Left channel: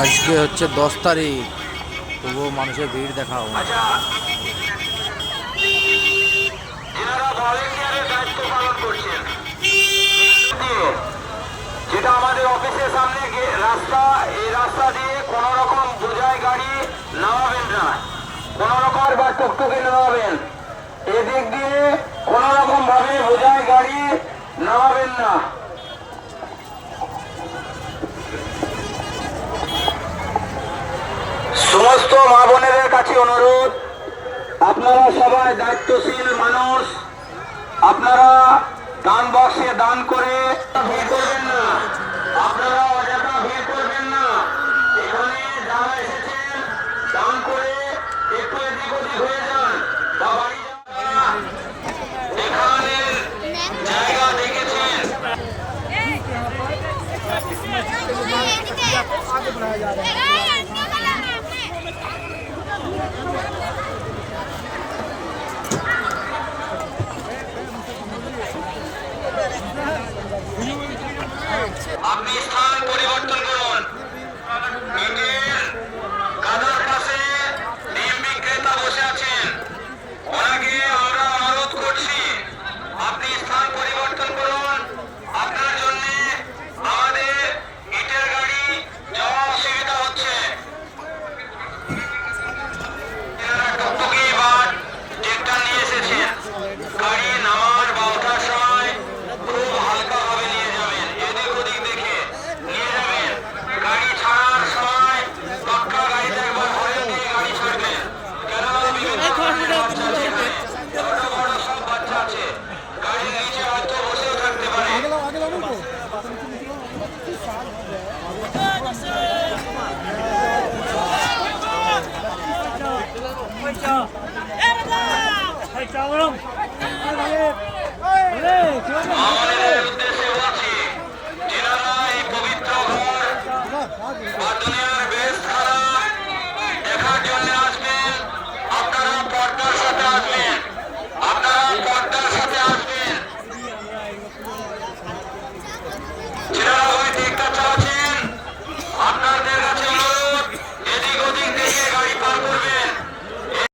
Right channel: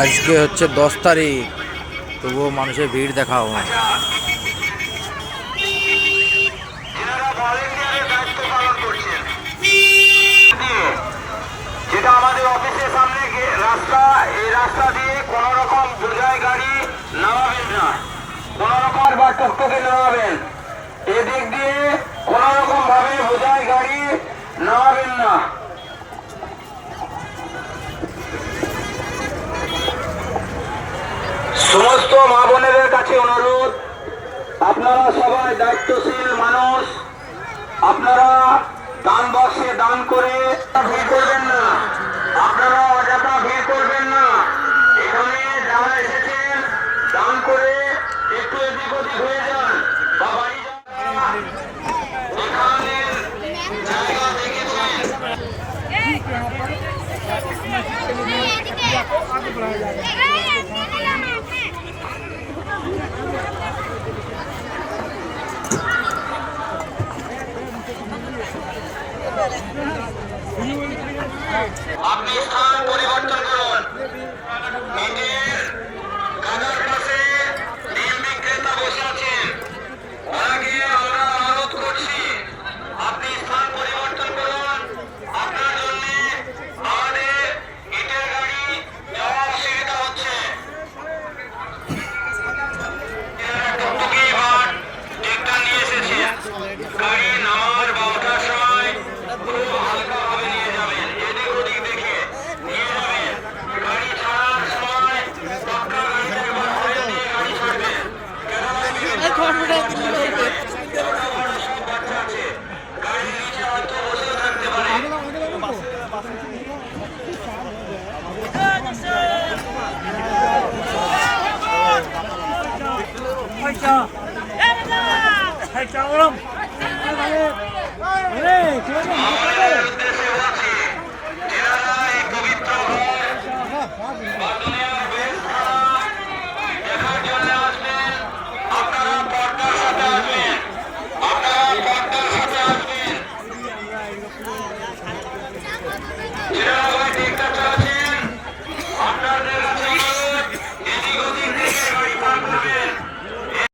আজকে হচ্ছে 10 তারিখ, তবুও মানুষের ভিড় দেখাও। যেটা আমাদের অফিসের সামনে রাস্তা, এই রাস্তা দিয়ে কোন রকম বোঝাই গাড়ি নামাবেন না, কোন রকম বা টুকটুকে নামাবেন। এদিক দিয়ে কোন রকম ভাবে বোঝাই গাড়ি নামাবেন না। সমস্ত মা বোনেদের কাছে অনুরোধ, আপনারা সবাই দায়িত্বশীল মানুষ, আপনারা দান বাক্সে দান করে ভিড় করবেন না, আপনারা অযথা ভিড় করবেন না। এখানে যারা এসেছেন দান করে একটু এদিক ওদিক হয়ে যান বা বাড়ি যান। এখানে জায়গা দেখেছেন। আপনি